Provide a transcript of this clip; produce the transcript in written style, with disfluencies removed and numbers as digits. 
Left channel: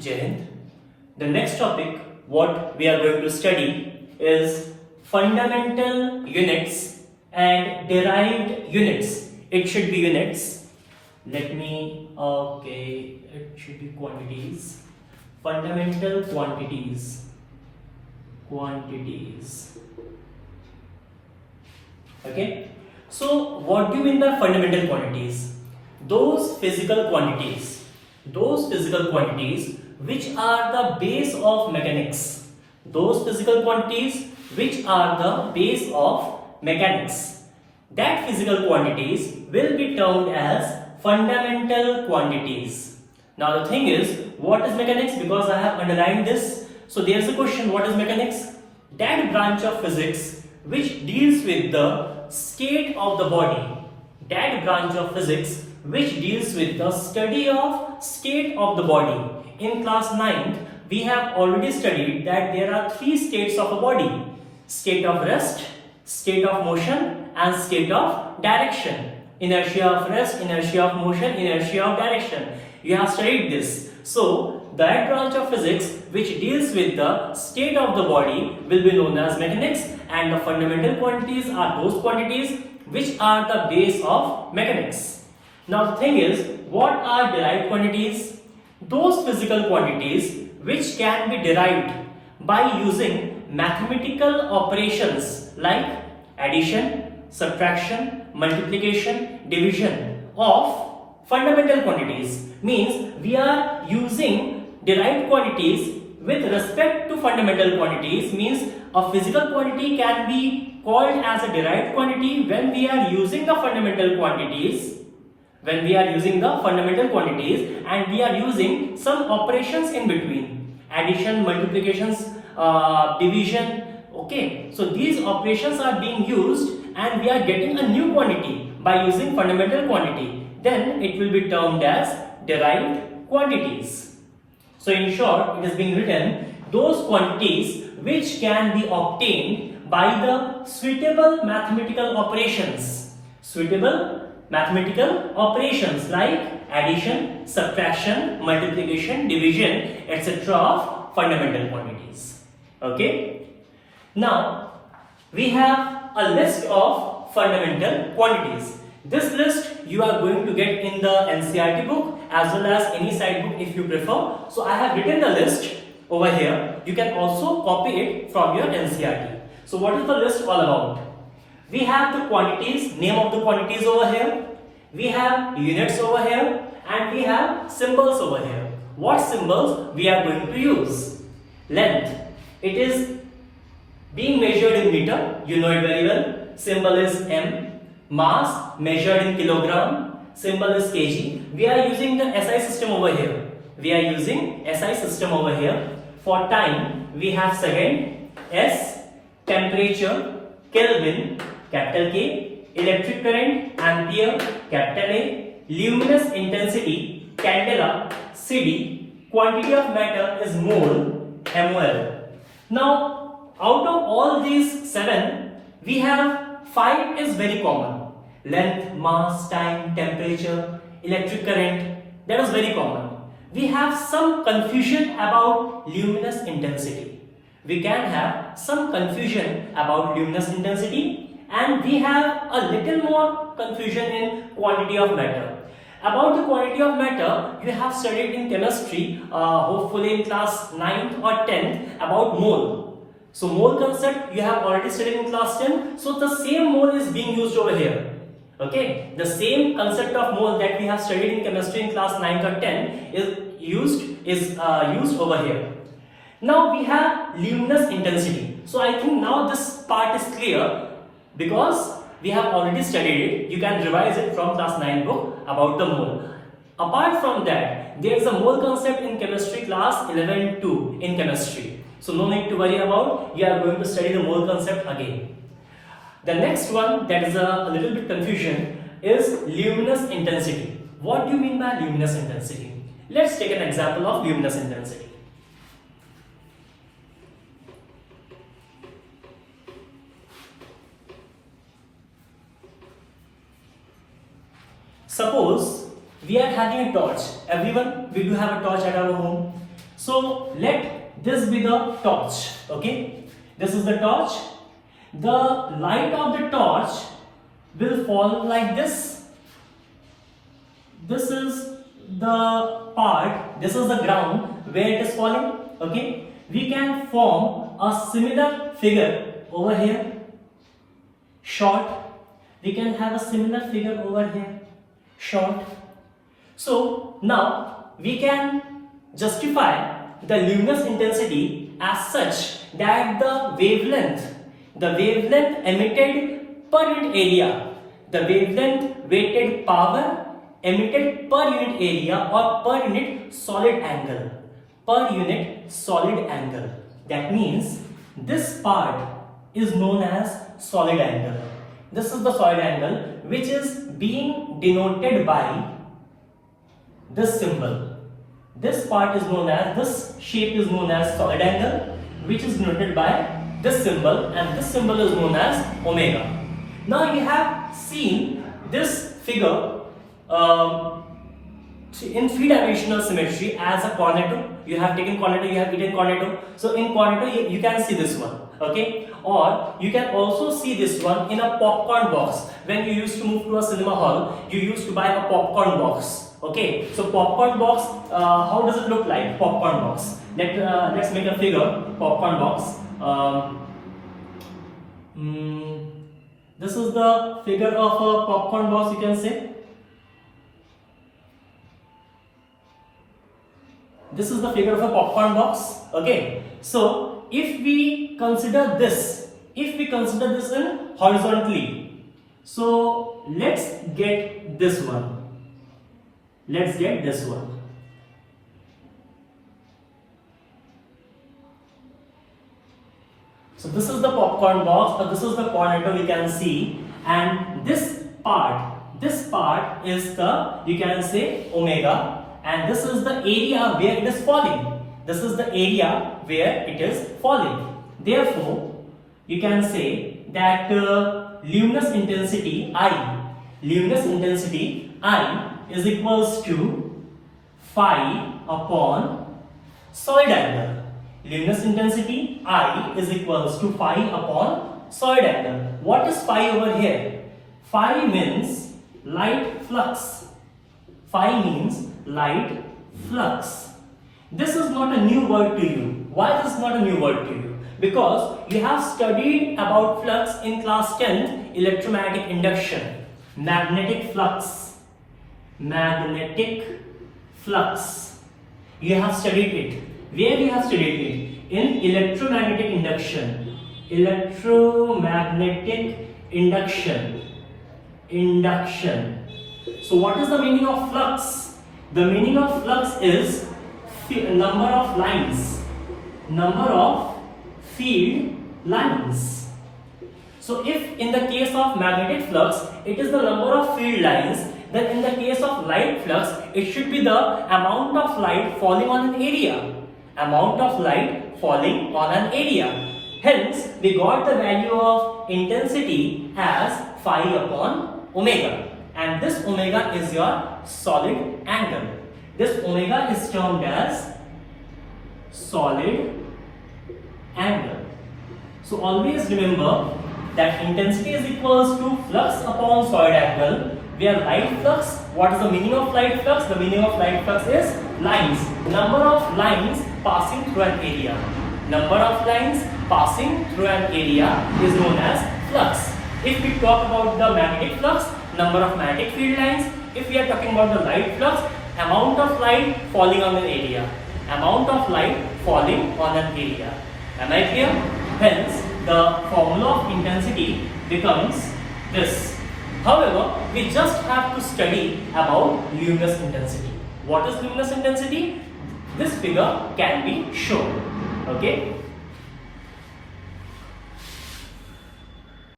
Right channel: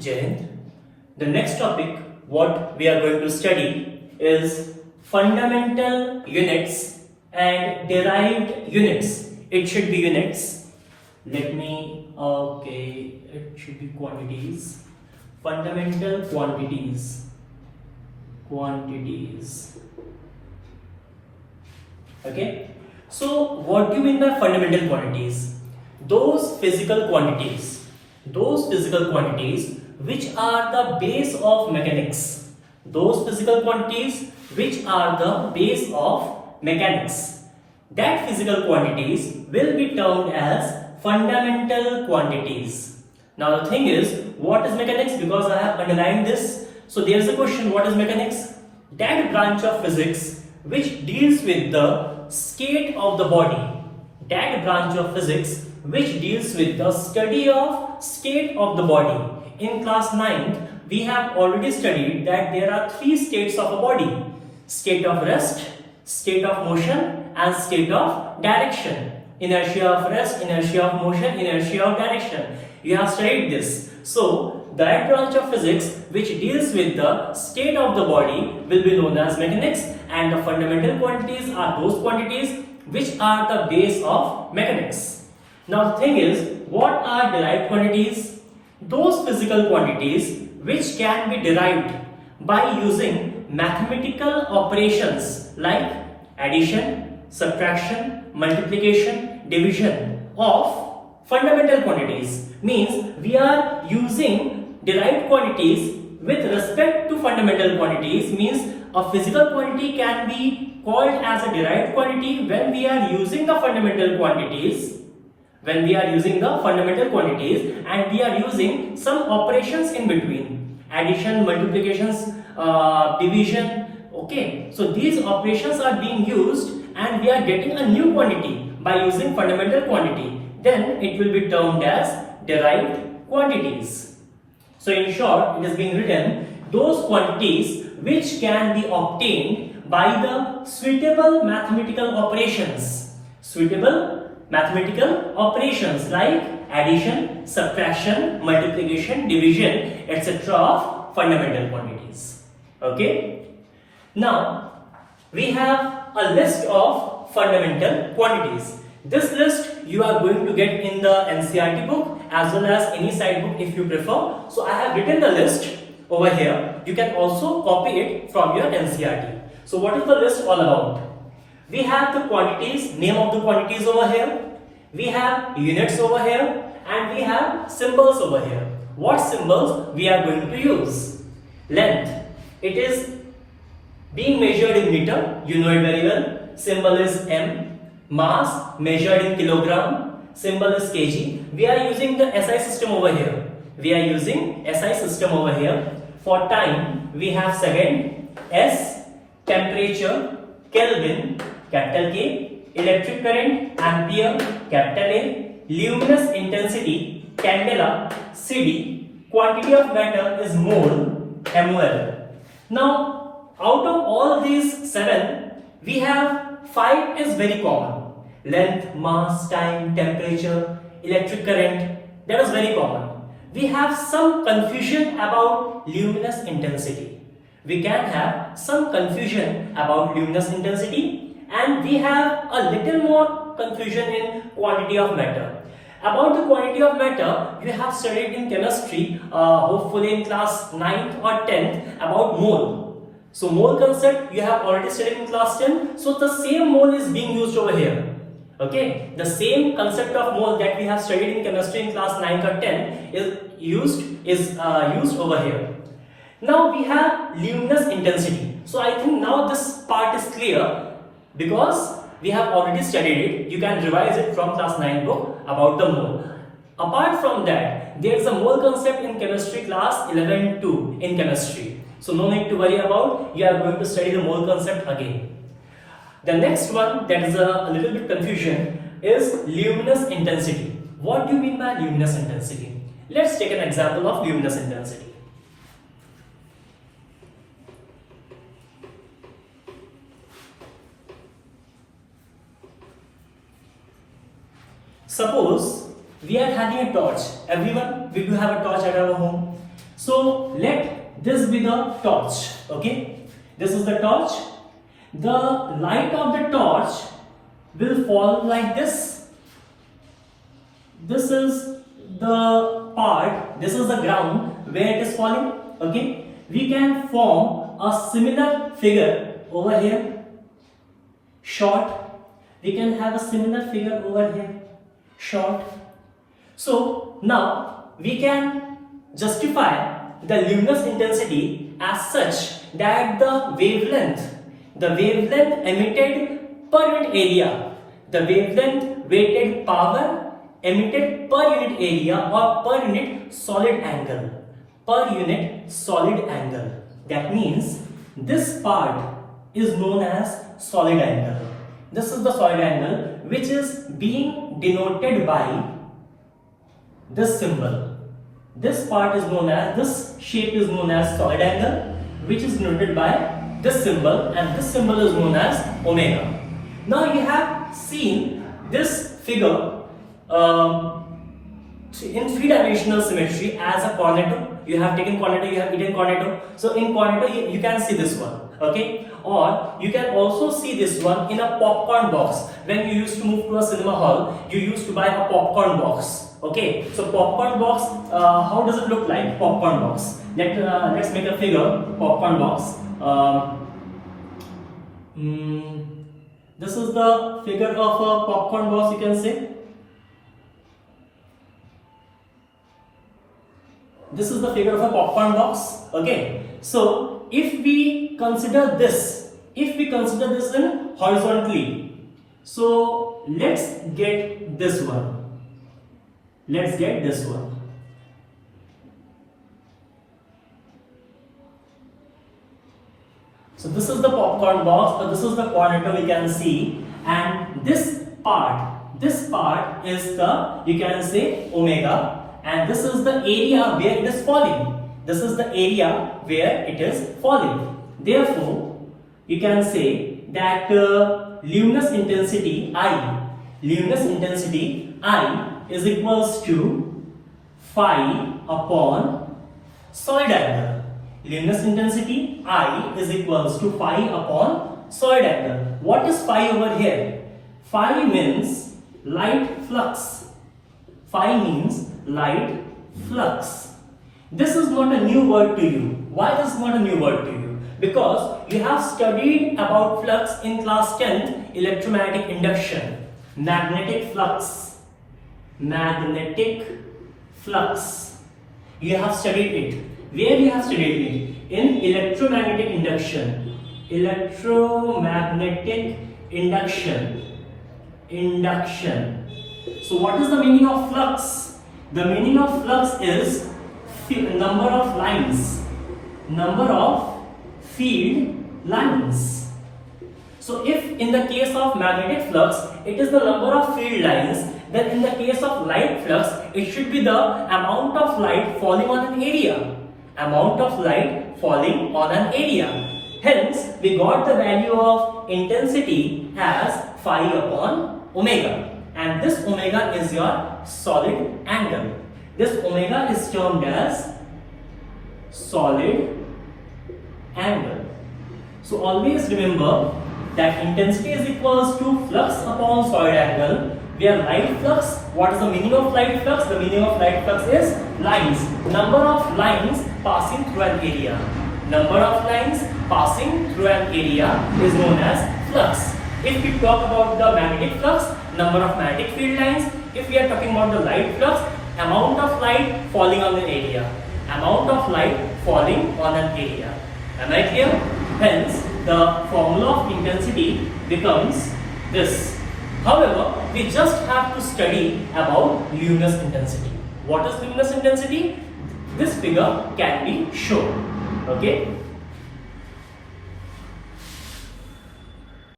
Jai Hind. The next topic, what we are going to study is fundamental units and derived units. It should be units. It should be quantities. Fundamental quantities. Okay. So, what do you mean by fundamental quantities? Those physical quantities which are the base of mechanics. Those physical quantities which are the base of mechanics. That physical quantities will be termed as fundamental quantities. Now the thing is, what is mechanics? Because I have underlined this. So there is a question, what is mechanics? That branch of physics which deals with the state of the body. That branch of physics which deals with the study of state of the body. In class 9th, we have already studied that there are three states of a body: state of rest, state of motion, and state of direction. Inertia of rest, inertia of motion, inertia of direction. You have studied this. So, that branch of physics which deals with the state of the body will be known as mechanics, and the fundamental quantities are those quantities which are the base of mechanics. Now the thing is, what are derived quantities? Those physical quantities which can be derived by using mathematical operations like addition, subtraction, multiplication, division of fundamental quantities. Means we are using derived quantities with respect to fundamental quantities. Means a physical quantity can be called as a derived quantity when we are using the fundamental quantities. And we are using some operations in between: addition, multiplications, division. Okay, so these operations are being used and we are getting a new quantity by using fundamental quantity. Then it will be termed as derived quantities. So in short, it is being written those quantities which can be obtained by the suitable mathematical operations. Mathematical operations like addition, subtraction, multiplication, division, etc. of fundamental quantities. Okay. Now we have a list of fundamental quantities. This list you are going to get in the NCERT book as well as any side book if you prefer. So I have written the list over here. You can also copy it from your NCERT. So what is the list all about? We have the quantities, name of the quantities over here. We have units over here, and we have symbols over here. What symbols we are going to use? Length. It is being measured in meter. You know it very well. Symbol is m. Mass measured in kilogram. Symbol is kg. We are using the SI system over here. For time, we have second, S. Temperature, Kelvin, capital K. Electric current, ampere, capital A. Luminous intensity, candela, CD. Quantity of matter is mole, mol. Now, out of all these 7, we have 5 is very common. Length, mass, time, temperature, electric current. That is very common. We have some confusion about luminous intensity. We can have some confusion about luminous intensity. And we have a little more confusion in quantity of matter. About the quantity of matter, you have studied in chemistry, hopefully in class 9th or 10th, about mole. So mole concept you have already studied in class 10. So the same mole is being used over here. Okay, the same concept of mole that we have studied in chemistry in class 9th or 10th is used over here. Now we have luminous intensity. So I think now this part is clear. Because we have already studied it, you can revise it from class 9 book about the mole. Apart from that, there is a mole concept in chemistry class 11-2 in chemistry. So no need to worry about, we are going to study the mole concept again. The next one that is a little bit confusion is luminous intensity. What do you mean by luminous intensity? Let's take an example of luminous intensity. Suppose we are having a torch. Everyone, we do have a torch at our home. So let this be the torch. Okay, this is the torch. The light of the torch will fall like this. This is the part, this is the ground where it is falling. Okay, we can form a similar figure over here, short. We can have a similar figure over here, short. So now we can justify the luminous intensity as such that the wavelength emitted per unit area, the wavelength weighted power emitted per unit area or per unit solid angle, that means this part is known as solid angle. This is the solid angle which is being denoted by this symbol. This part is known as, this shape is known as solid angle, which is denoted by this symbol, and this symbol is known as omega. Now you have seen this figure in three-dimensional symmetry as a cornetto. You have taken cornetto, you have eaten cornetto. So in cornetto you can see this one, okay? Or you can also see this one in a popcorn box. When you used to move to a cinema hall, you used to buy a popcorn box. Okay, so popcorn box, how does it look like? Popcorn box. Let's make a figure, popcorn box. This is the figure of a popcorn box, you can say. This is the figure of a popcorn box. Okay, so if we consider this in horizontally, so let's get this one. So this is the popcorn box, this is the cornetto, you can see, and this part is the, you can say, omega, and this is the area where it is falling. Therefore, you can say that luminous intensity I is equals to phi upon solid angle. Luminous intensity I is equals to phi upon solid angle. What is phi over here? Phi means light flux. This is not a new word to you. Why this is not a new word to you? Because you have studied about flux in class 10, electromagnetic induction, magnetic flux. You have studied it. Where you have studied it? In electromagnetic induction. So what is the meaning of flux? The meaning of flux is number of lines, number of field lines. So if in the case of magnetic flux it is the number of field lines, then in the case of light flux it should be the amount of light falling on an area. Hence we got the value of intensity as phi upon omega, and this omega is your solid angle. This omega is termed as solid angle. So always remember that intensity is equals to flux upon solid angle, where light flux, what is the meaning of light flux? The meaning of light flux is lines, number of lines passing through an area. Number of lines passing through an area is known as flux. If we talk about the magnetic flux, number of magnetic field lines. If we are talking about the light flux, amount of light falling on an area. Am I clear? Hence, the formula of intensity becomes this. However, we just have to study about luminous intensity. What is luminous intensity? This figure can be shown. Okay.